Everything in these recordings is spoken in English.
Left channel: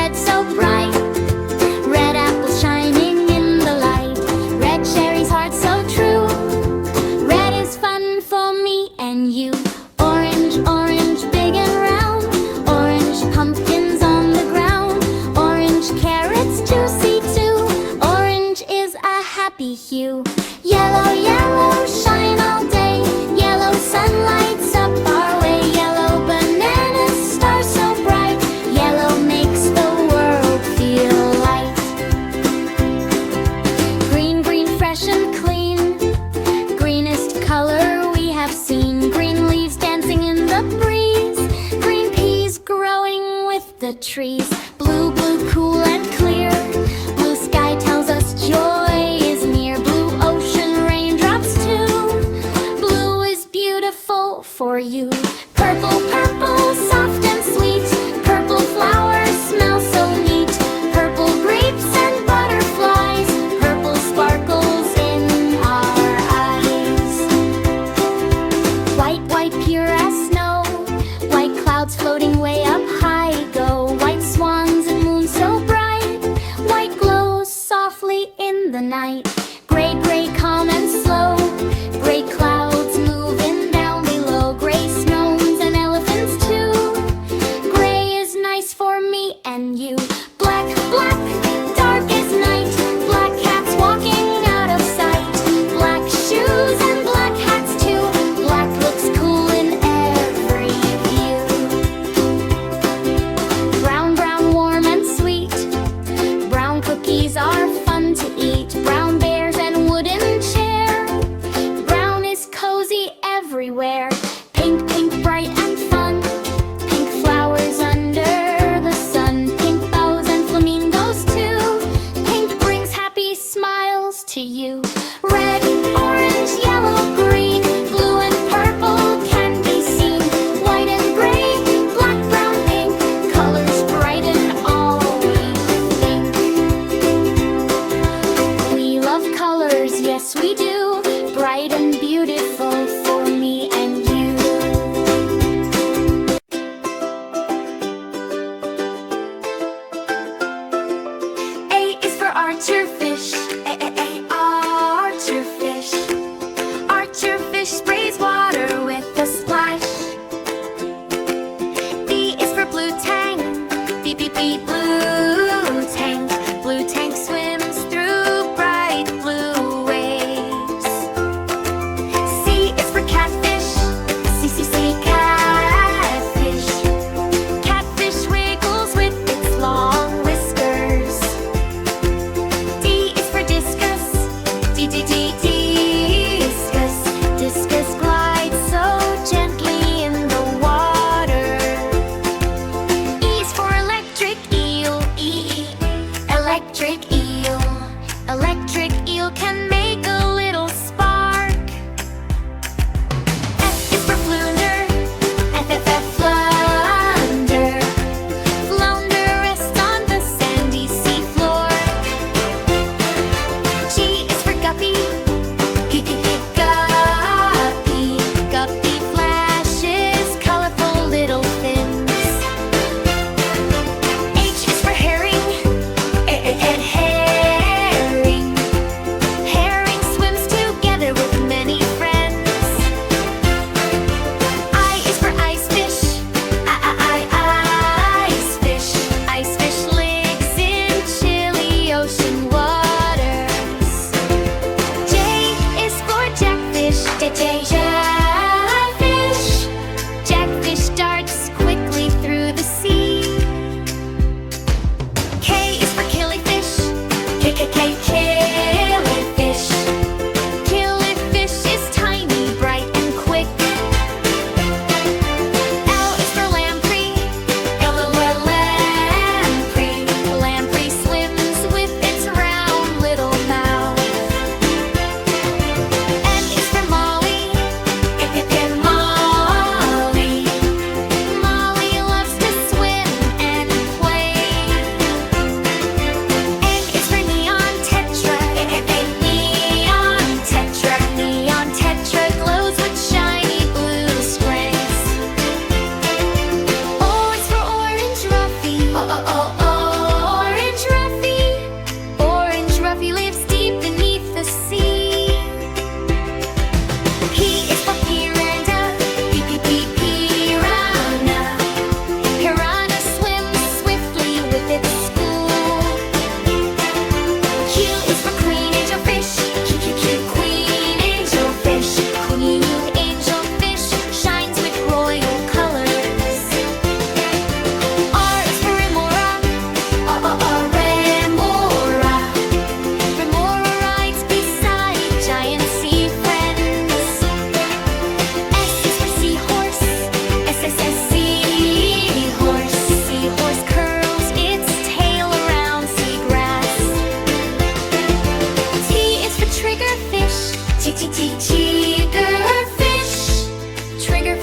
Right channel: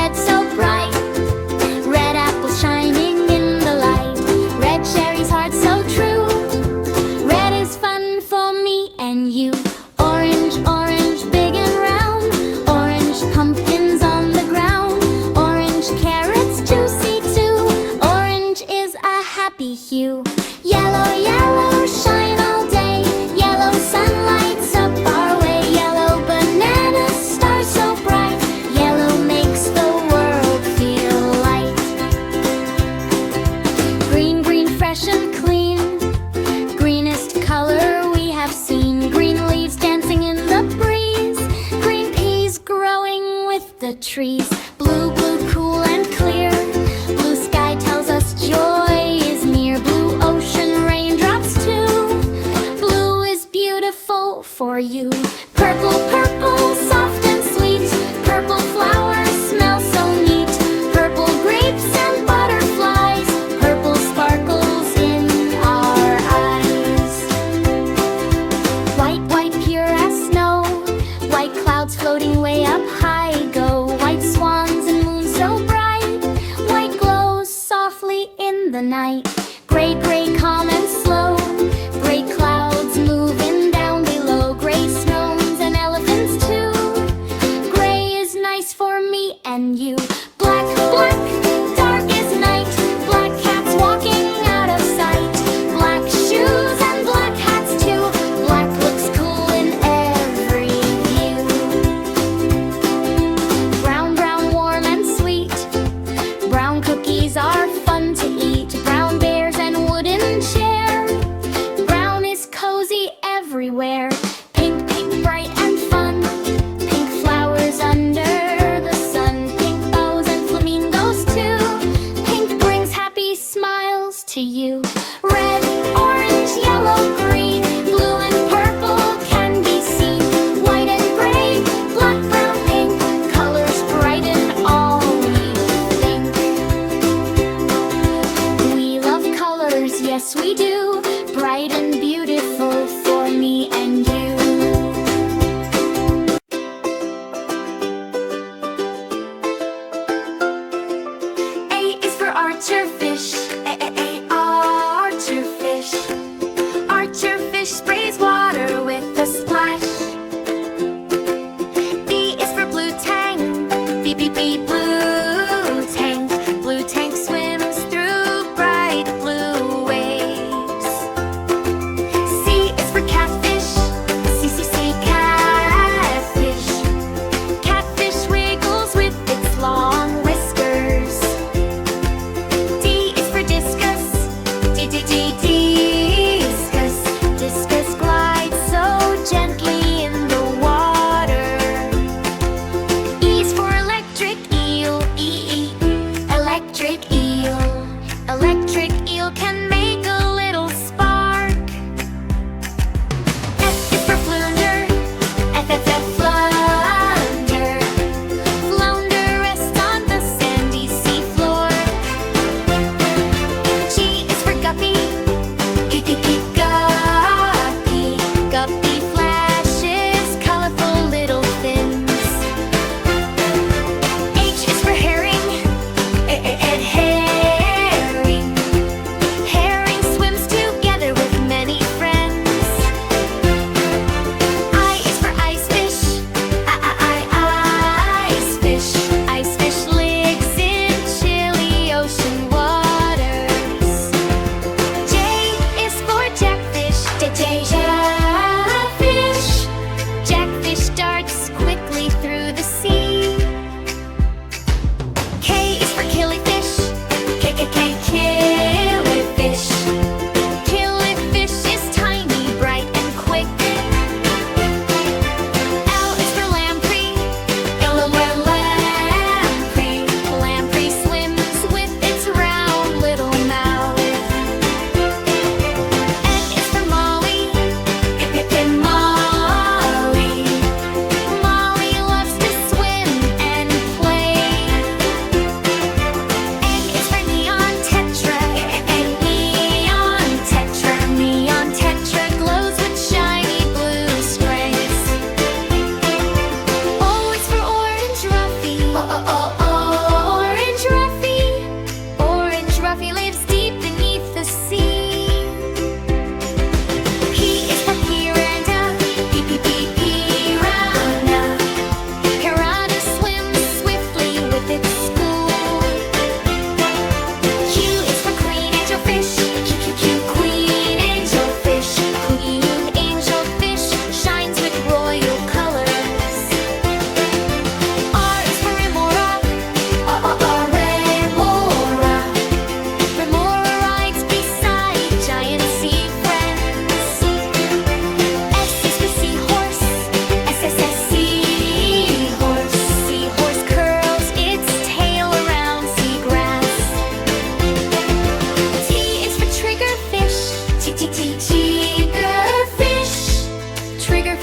red so bright. Red apples shining in the light. Red cherries, heart so true. Red is fun for me and you. Orange, orange, big and round. Orange pumpkins on the ground. Orange carrots, juicy too. Orange is a happy hue. Yellow, yellow, shine all day. Yellow sun lights up our way. Yellow bananas, stars so bright. Yellow makes the world feel light. Green, green, fresh and clean. Greenest color we have seen. Green leaves dancing in the breeze. Green peas growing with the trees. Blue, blue, cool and clear. Blue sky tells us joy is near. Blue ocean, raindrops too. Blue is beautiful for you. Purple, purple, soft and sweet. Purple flowers smell so neat. Purple grapes and butterflies. Purple sparkles in our eyes. White, white, pure as snow. White clouds floating way up high go. White swans and moon so bright. White glows softly in the night. Gray, gray, calm and slow. Gray clouds moving down below. Gray snows and elephants too. Gray is nice for me and you. Black, black, dark as night. Black cats walking out of sight. Black shoes and black hats too. Black looks cool in every view. Brown, brown, warm and sweet. Brown cookies are fun to eat. Brown bears and wooden chair. Brown is cozy everywhere. Pink, pink, bright and fun. Pink flowers under the sun. Pink bows and flamingos too. Pink brings happy smiles to you. Red, orange, yellow, green. Blue and purple can be seen. White and gray, black, brown, pink. Colors brighten all we think. We love colors, yes we do. Bright and beautiful for me and you. A is for archer fish. Archer fish. Archer fish sprays water with a splash. B is for blue tang. B, B, B, blue tang. Blue tang swims through bright blue waves. C is for catfish. C, C, C, catfish. Catfish wiggles with its long whiskers. D is for discus. D, D, D, discus. Discus glides so gently in the water. E is for electric eel. E, electric eel. Electric eel can make a little spark. F is for flounder. F, F, F, flounder. Flounder rests on the sandy seafloor. G is for guppy. G, G, G, guppy. Guppy flashes colorful little fins. H is for herring. Herring. Herring swims together with many friends. I is for ice fish. Ice fish. Ice fish lives in chilly ocean waters. J is for jackfish. J, J,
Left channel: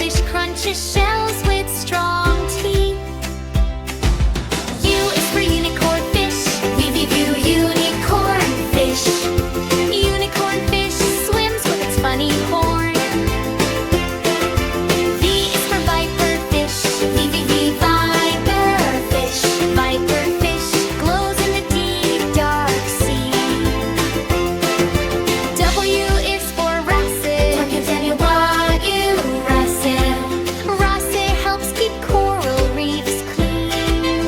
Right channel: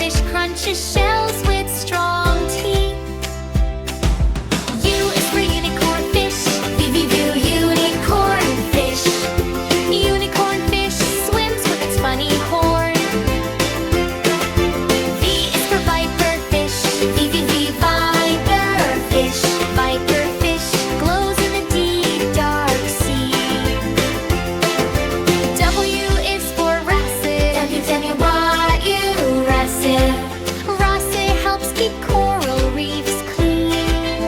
Fish crunches shells with strong teeth. U is for unicorn fish. V, unicorn fish. Unicorn fish swims with its funny horn. V is for viper fish. V, viper fish. Viper fish glows in the deep dark sea. W is for wrasset. W, wrasset. Wrasset helps keep coral reefs clean.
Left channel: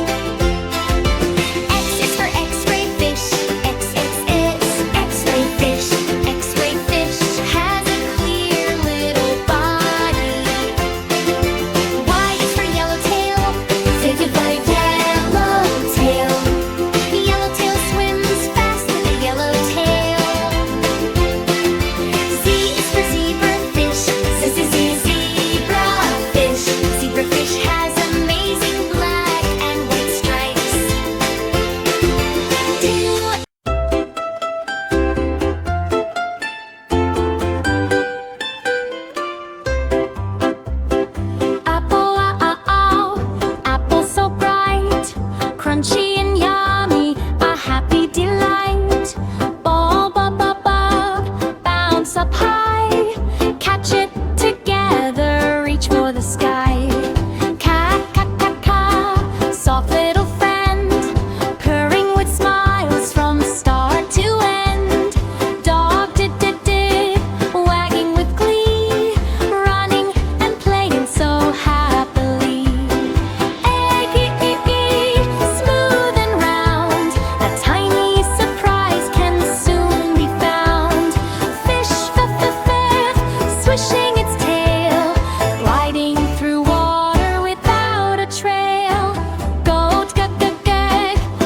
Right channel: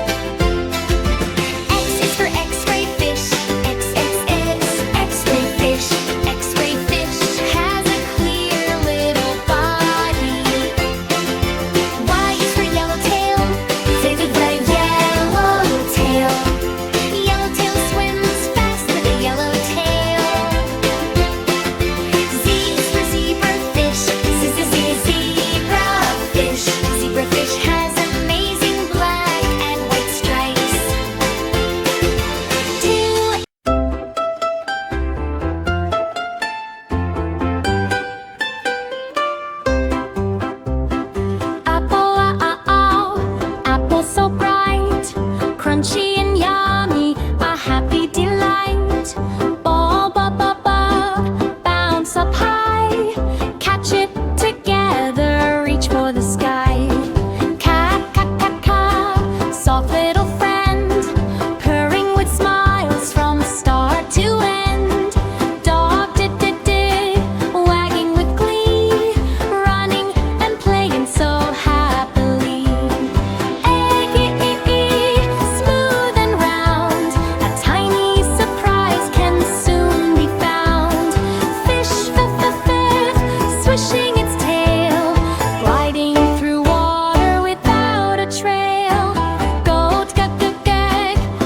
X is for X-ray fish. X-ray fish. X-ray fish has a clear little body. Y is for yellowtail. Yellowtail. Yellowtail swims fast with a yellow tail. Z is for zebrafish. Zebrafish. Zebrafish has amazing black and white stripes. Two. Apple, apple so bright, crunchy and yummy, a happy delight. Ball, bounce up high, catch it together, reach for the sky. Cat, soft little friend, purring with smiles from start to end. Dog, wagging with glee, running and playing so happily. Egg, smooth and round, a tiny surprise can soon be found. Fish, swishing its tail, gliding through water without a trail. Goat,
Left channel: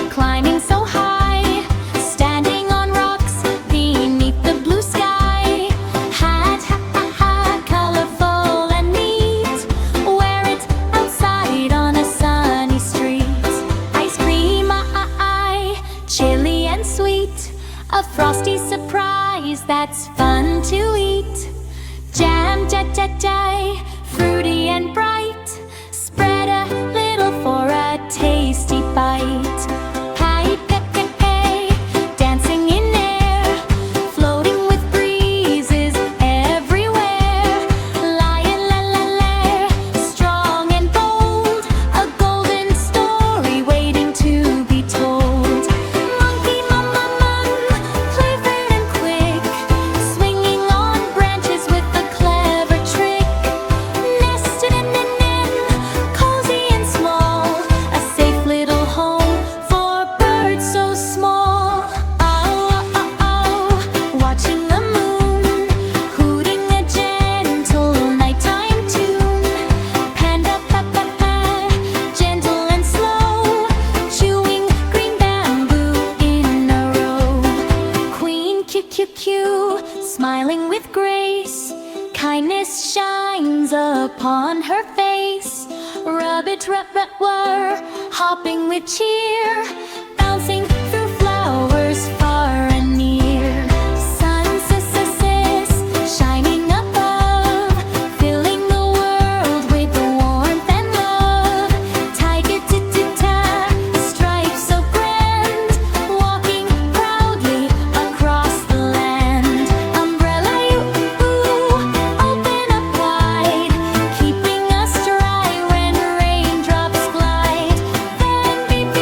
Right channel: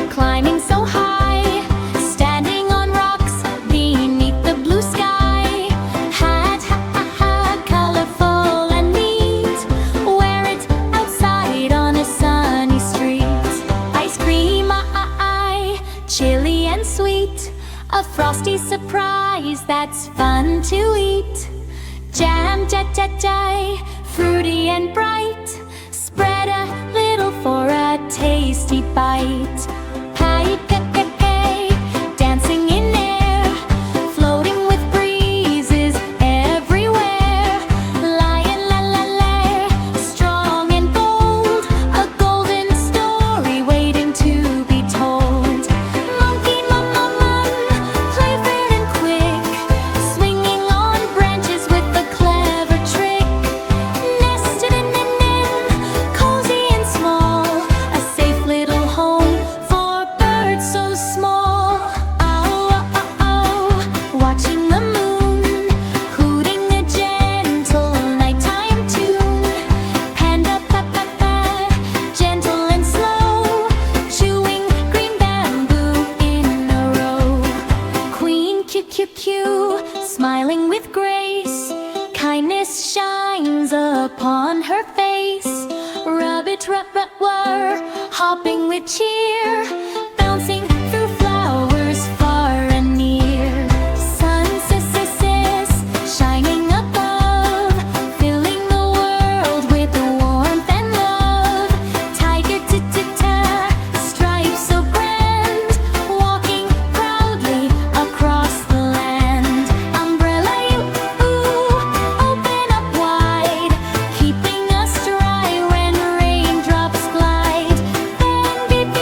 climbing so high, standing on rocks beneath the blue sky. Hat, colorful and neat, wear it outside on a sunny street. Ice cream, chilly and sweet, a frosty surprise that's fun to eat. Jam, fruity and bright, spread a little for a tasty bite. Pie, dancing in air, floating with breezes everywhere. Lion, strong and bold, a golden story waiting to be told. Monkey, playful and quick, swinging on branches with a clever trick. Nested in, cozy and small, a safe little home for birds so small. Watching the moon, hooting a gentle nighttime tune. Panda, gentle and slow, chewing green bamboo in a row. Queen, smiling with grace, kindness shines upon her face. Rabbit, hopping with cheer, bouncing through flowers far and near. Sun, shining above, filling the world with warmth and love. Tiger, stripes so grand, walking proudly across the land. Umbrella, open up wide, keeping us dry when raindrops glide. Then beep,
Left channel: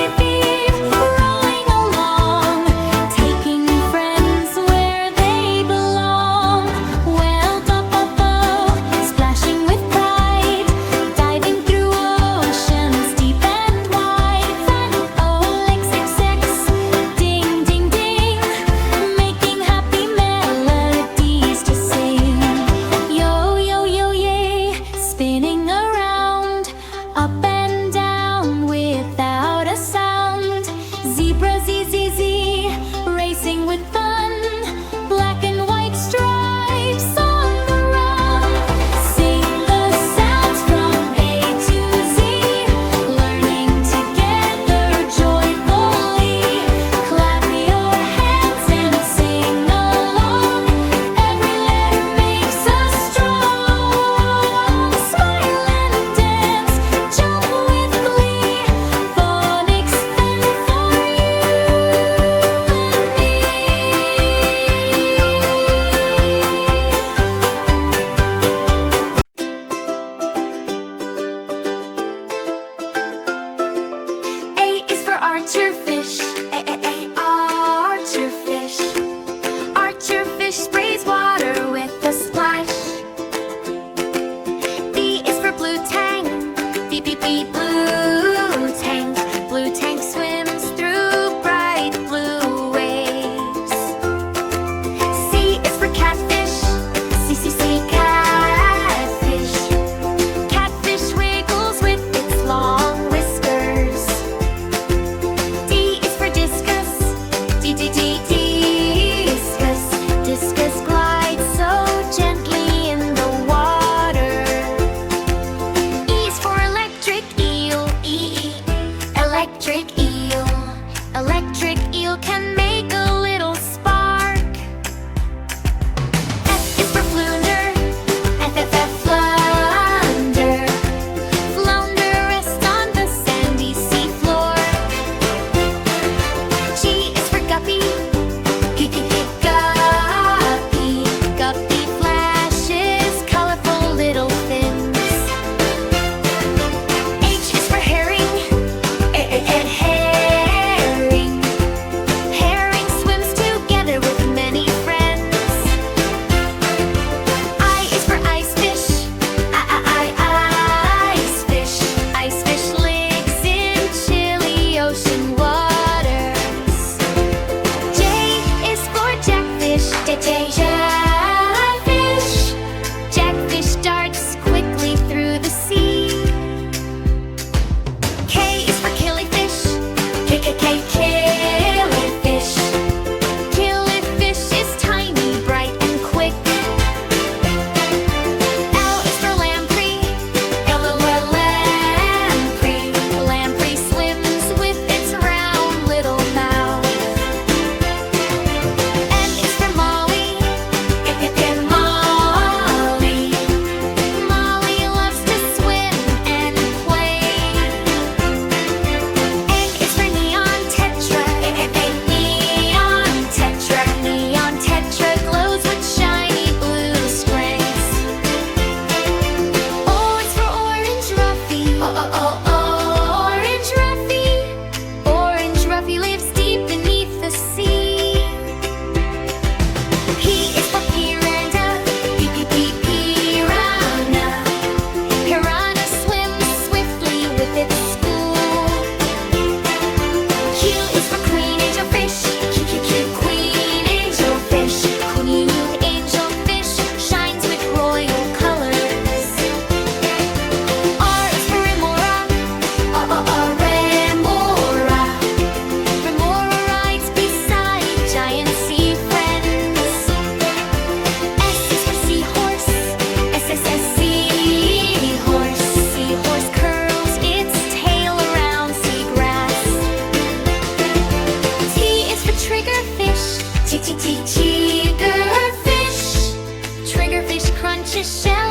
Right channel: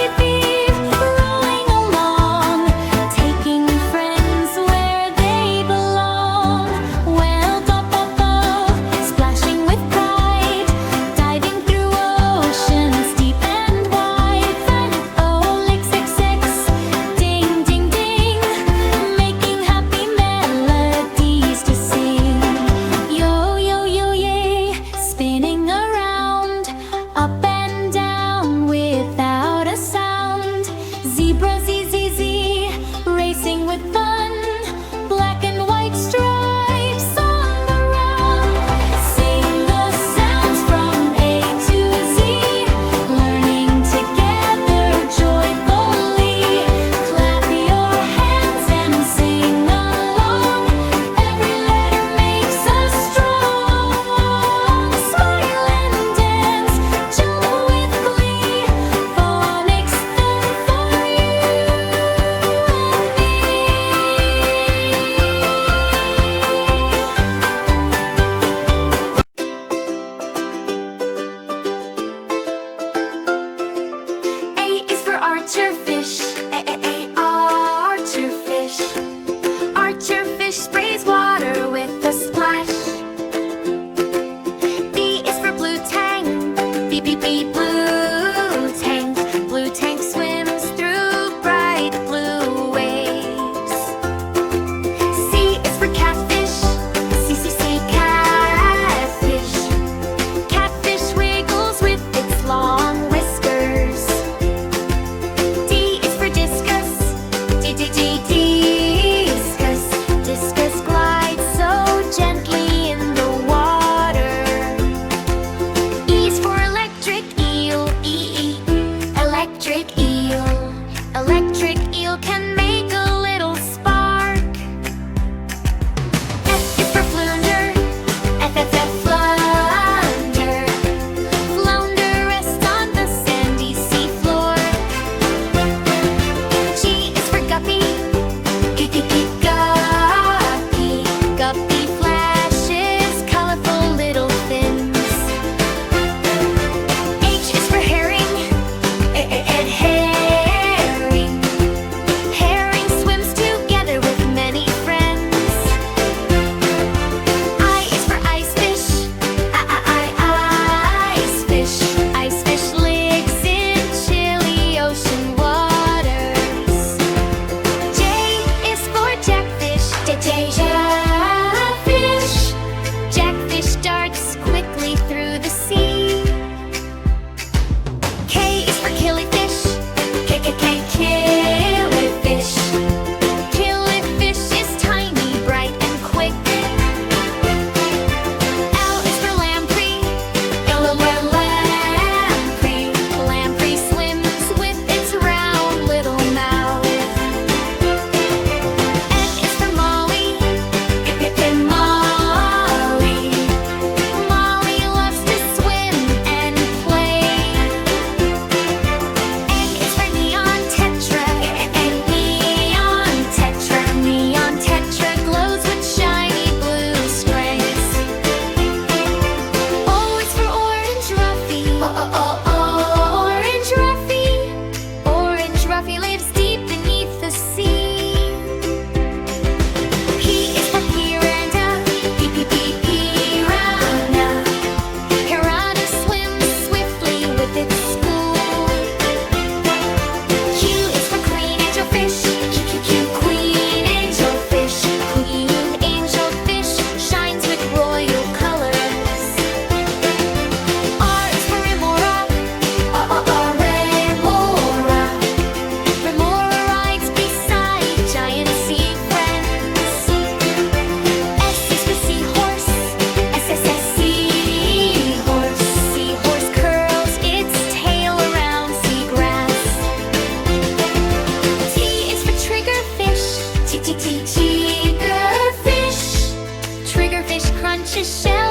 precious shell